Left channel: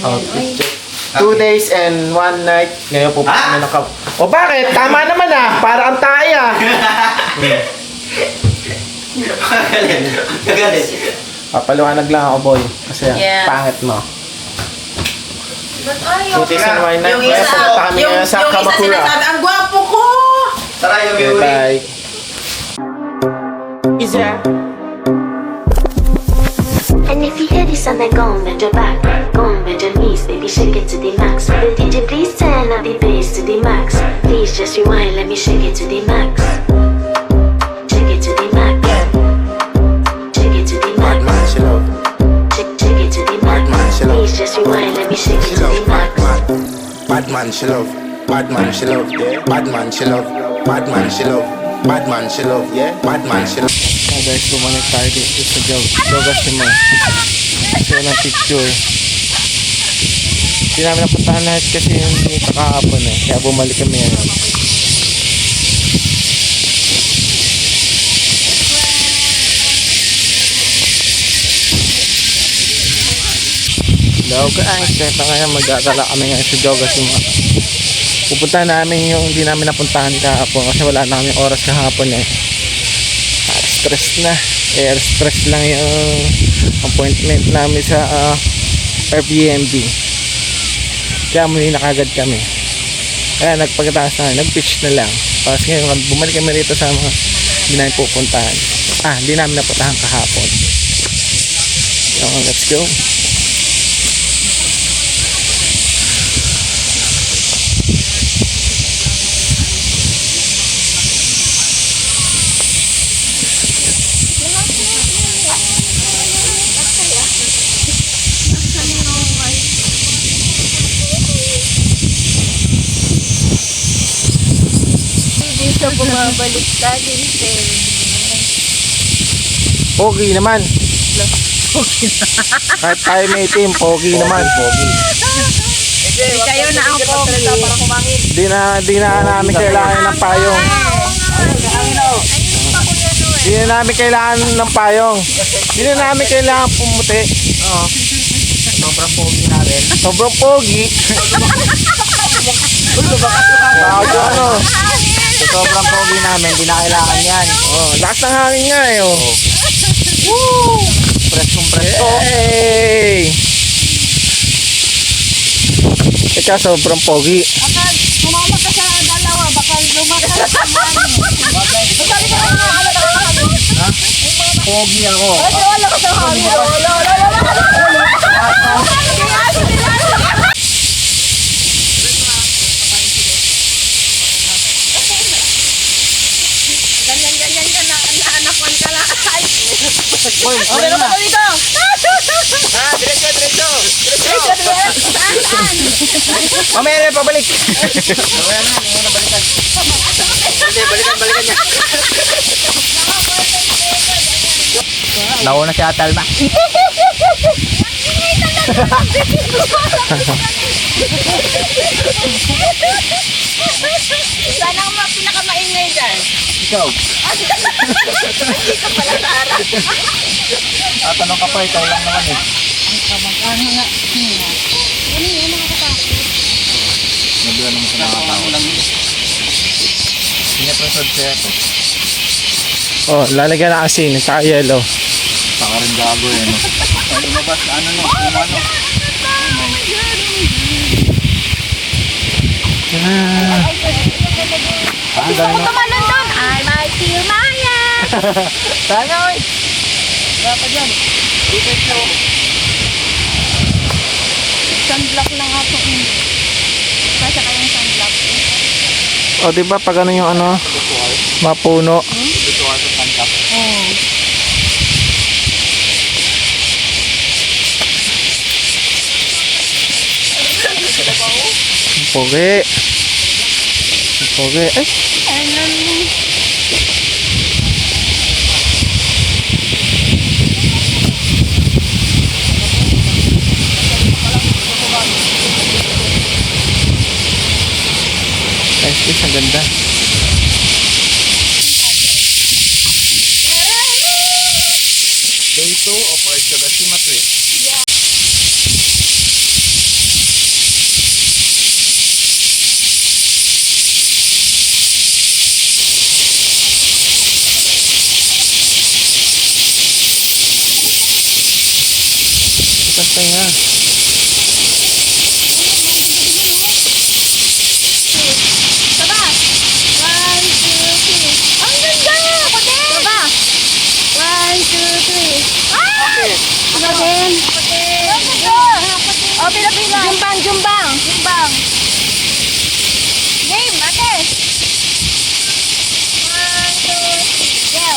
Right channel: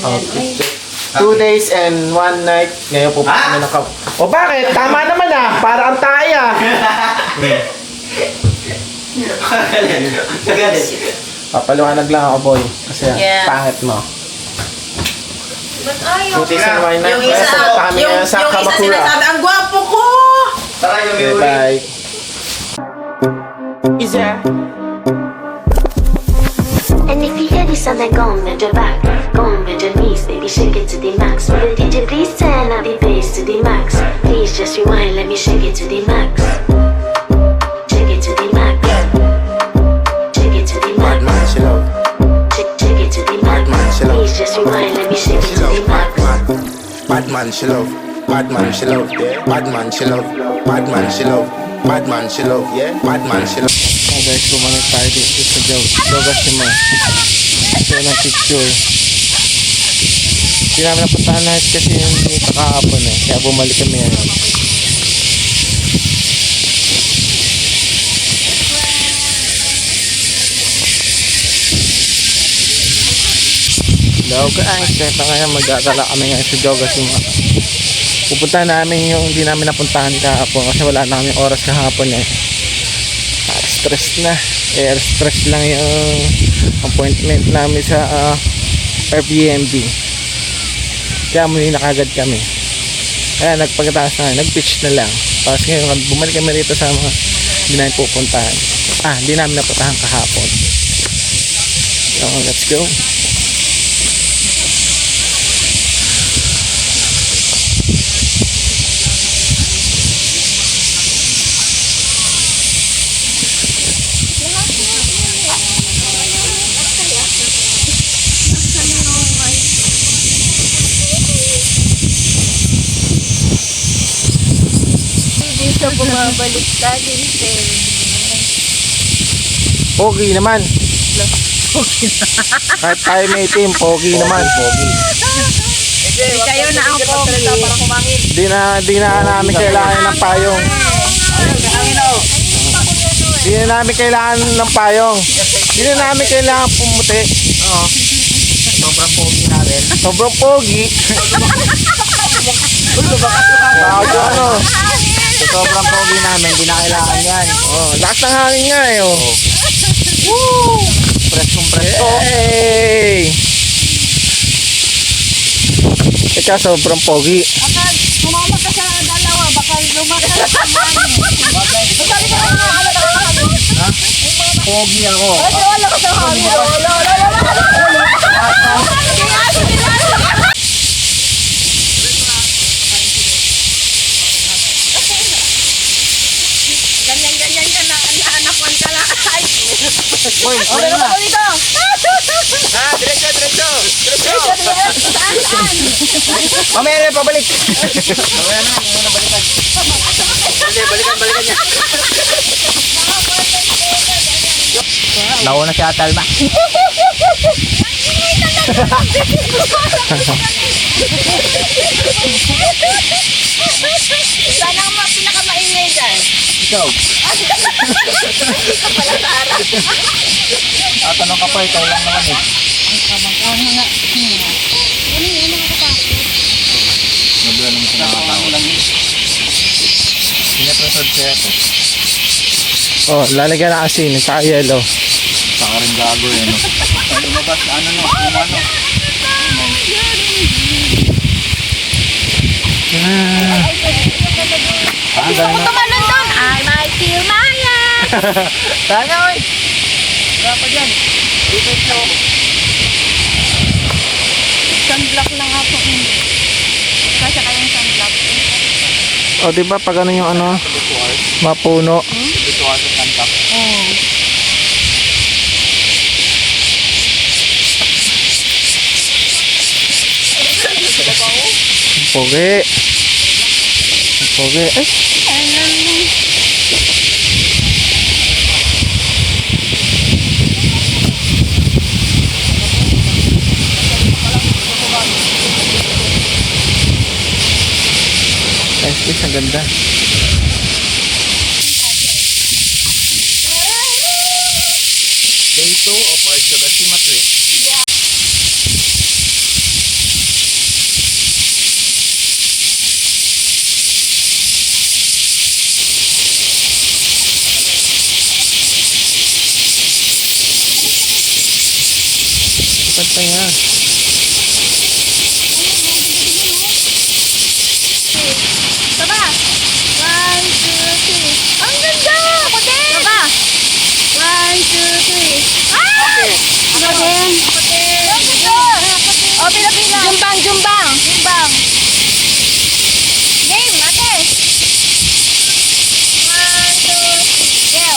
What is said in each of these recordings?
Outfit check. 2 days and 1 night. Ngayon pupunta kami ng kap... O bakit? Tama naman ah. Para ang tayo ah. Papaliwanag lang ako, boy. Kasi pangit mo. Yung 2 days and 1 night. Kaya pupunta kami ngayon sa Kamakura. Ang gwapo ko! Okay, bye. Isa. And if you hear this sound, then go and bend your back, go and bend your knees, baby, shake it to the max. Will the DJ please turn up the bass to the max? Please just rewind, let me shake it to the max. Shake it to the max. Shake it to the max. Bad man, chill out. Shake it to the max. Please just rewind, let me shake it to the max. Bad man, chill out. Bad man, chill out. Yeah. Bad man, chill out. Bad man, chill out. Bad man, chill out. Yeah. Bad man, chill out. So guys, bumalik tayo dito sa Dogashima. So ng picture. Hindi namin napuntahan lahat kasi yung kakahapon eh. Kaya bumalik kami ngayon. Hello guys, kaya ngayon magdadala kami ngayon sa Dogashima. Pupunta namin yung hindi namin napuntahan kahapon kasi wala na kami oras kahapon eh. Stress na, air stress lang yung appointment namin sa Airbnb. Kaya muli na kagad kami. Kaya nagpagkataas na, nag-pitch na lang. Tapos ngayon bumalik kami rito sa mga hindi namin pupuntahan. Hindi namin napuntahan kahapon. So let's go. Dito bumabalik ka din, Pogi naman. Kahit tayo may team, pogi naman. Pogi. Kayo na ang pogi. Di na namin kailangan ng payong. Di na namin kailangan ng payong. Di na namin kailangan pumuti. Sobrang pogi natin. Sobrang pogi. Ano? Sobrang pogi namin. Hindi na kailangan yan. Lakas ng hangin nga eh. Woo! Preskong presko. Hey! Ikaw sobrang pogi. Bakal, sumama ka sa dalawa, baka lumakas sa mani. Sabi ka lang mga Pogi ako. wala ka sa hangin. Wala. Ganyan ka na, naanapan ka lang. Ay, Boy, wala na. Diretso. Mamaya na pabalik. Balikan niya. Nauna si Atalma. sana ang pinakamaingay dyan. Ikaw. Hindi ka pala Tara. Tatanong ka pa, ikaw lang naman eh. Ano na? Ano yung mga katakot? Naduwa naman sa nakakatawa lang eh. Pinapresod siya ito. Oh, lalagyan ng asin, saka yellow. Saka rin gago eh. No? Ay, lumabas na ano no? Umano. Ang dami na. Tumalon doon. I like you, Maya. Sana oy. Dapat yan. Dito po. Sunblock lang ako. Kasi kayong sunblock. O diba pag ano yung ano, mapuno. Dito ako sa kantap. Oh. Pogi. Pogi. Ay, nice fish, ang ganda. Day 2 of our Dogashima trip. Pantay nga. Taba! 1, 2, 3. Ang ganda! Pati! Taba! 1, 2, 3. Ay! Again. Ang ganda! O, pila-pila. Jumbang, jumbang. Jumbang. Game, ate. 1, 2, go.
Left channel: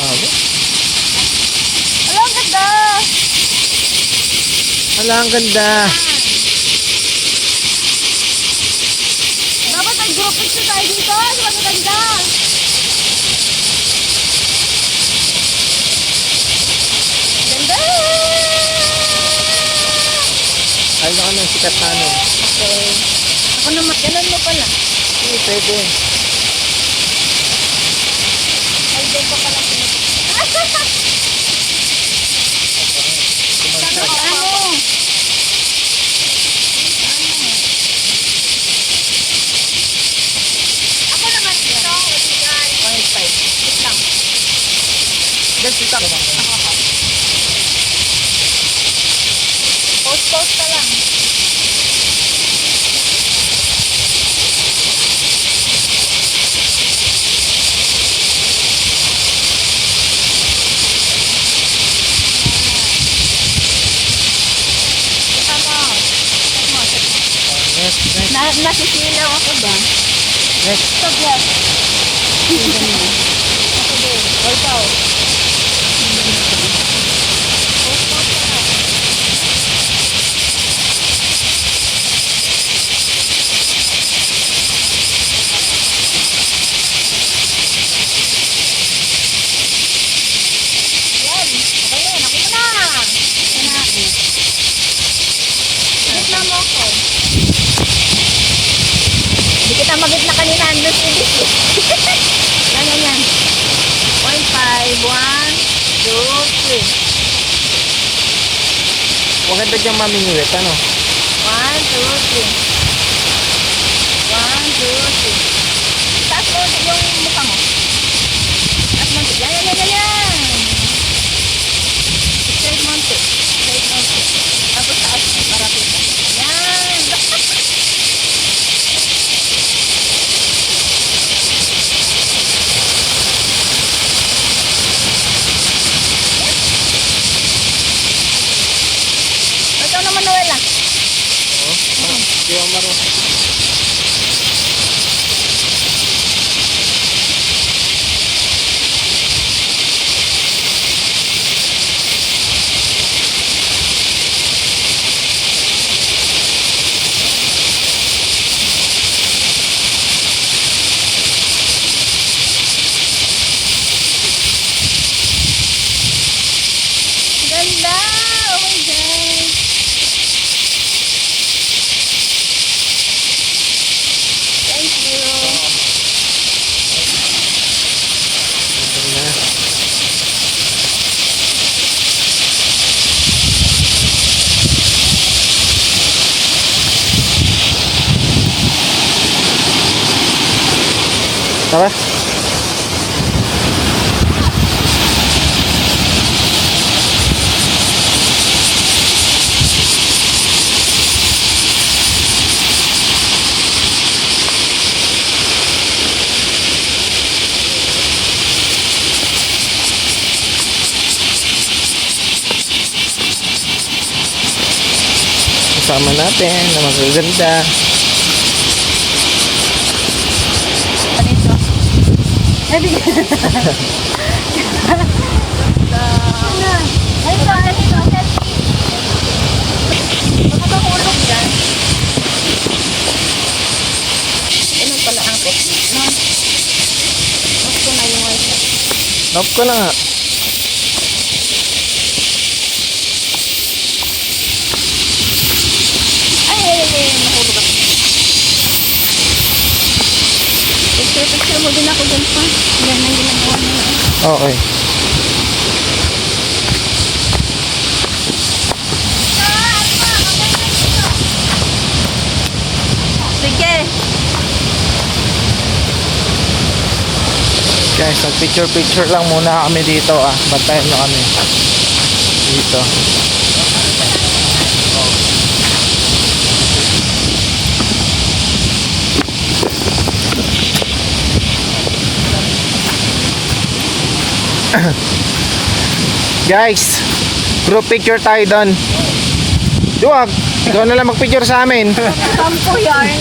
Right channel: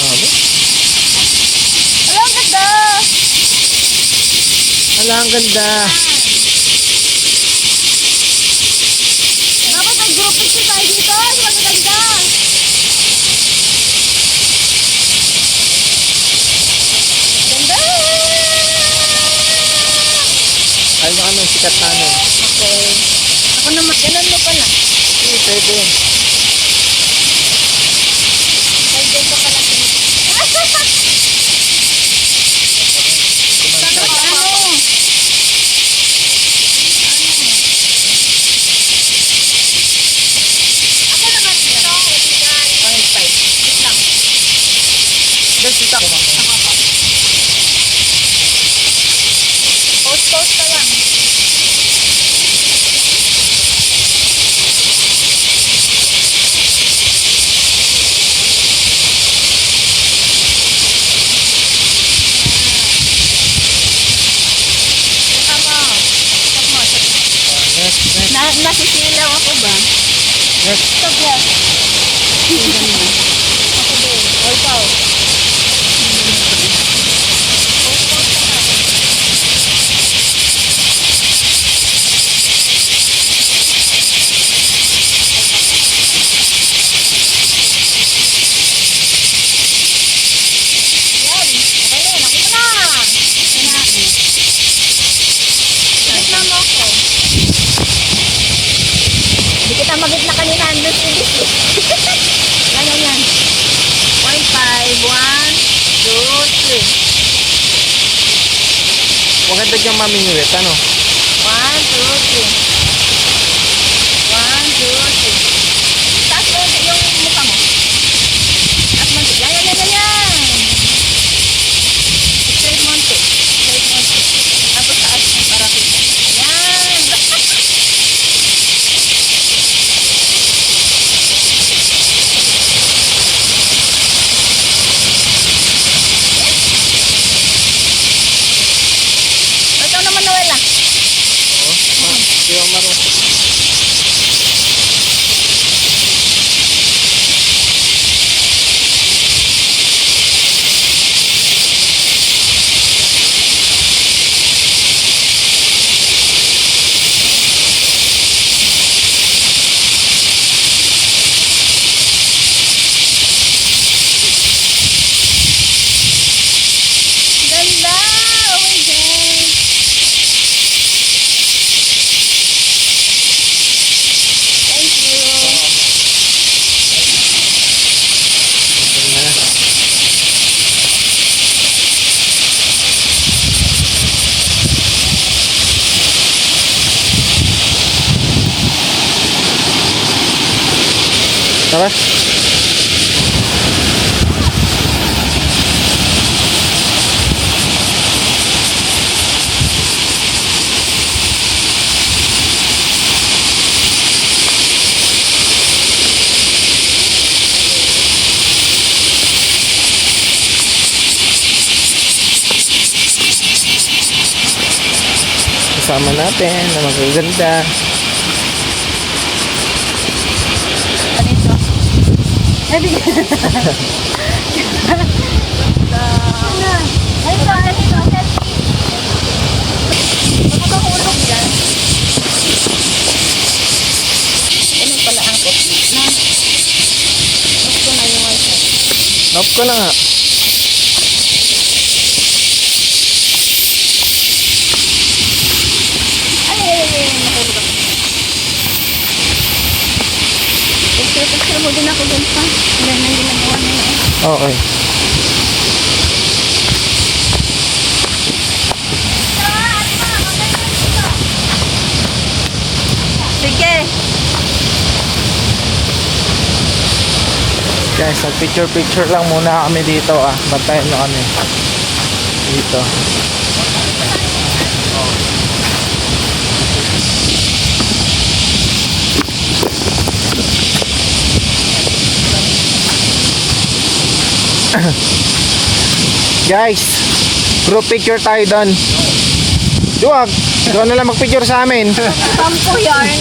Paano? Ala, ang ganda. Ala, ang ganda. Dapat mag-group picture tayo dito. Di ba maganda? Ganda! Ay, ano kami, sikat na ano. Okay. Ako naman, ganun mo pala. Hindi, pwede. Ay, dyan pa pala sinipot. Bakit ano? Ako naman ito. 1.5. Wait lang. Dahil sita. Post pa lang. Buka mo. Check mo, check mo. Next, next, Nasisilaw ako ba? next. Stop yan. Tingnan mo. Ako din. O ikaw. Post pa lang. Yan. Okay na. Nakita na. Ito na. Ibig na mo ako. Hindi kita mabit na kanina. Andun si Disney. Yan, yan, yan. 1, 5, 1, 2, 3. Maganda dyan mamingwit, ano? 1, 2, 3. 1, 2, 3. Taas mo yung mukha mo. Taas mo. Yan, yan, yan, yan, yan. Straight mo. Straight mo. Tapos taas mo para kita. Yan. Ito naman, Noel, ah. Oo. Hindi ako marunong. Ganda! Oh my God! Thank you! Ito na. Tara. Kasama natin na magaganda. Ano ito? Heavy! Ano ito? Baka mahulog yan. Ano pala ang kopi? No? Gusto na yung wifi. Nope ko na nga. Ay, nahulog ako. Picture mo din ako dyan pa. Yan ang ginagawa na yun. Okay. Sige. Guys, nag-picture-picture lang muna kami dito ah. Bantayan nyo kami. Dito. Guys, group picture tayo doon. Duwag, ikaw na lang mag-picture sa amin. Sampo yarn.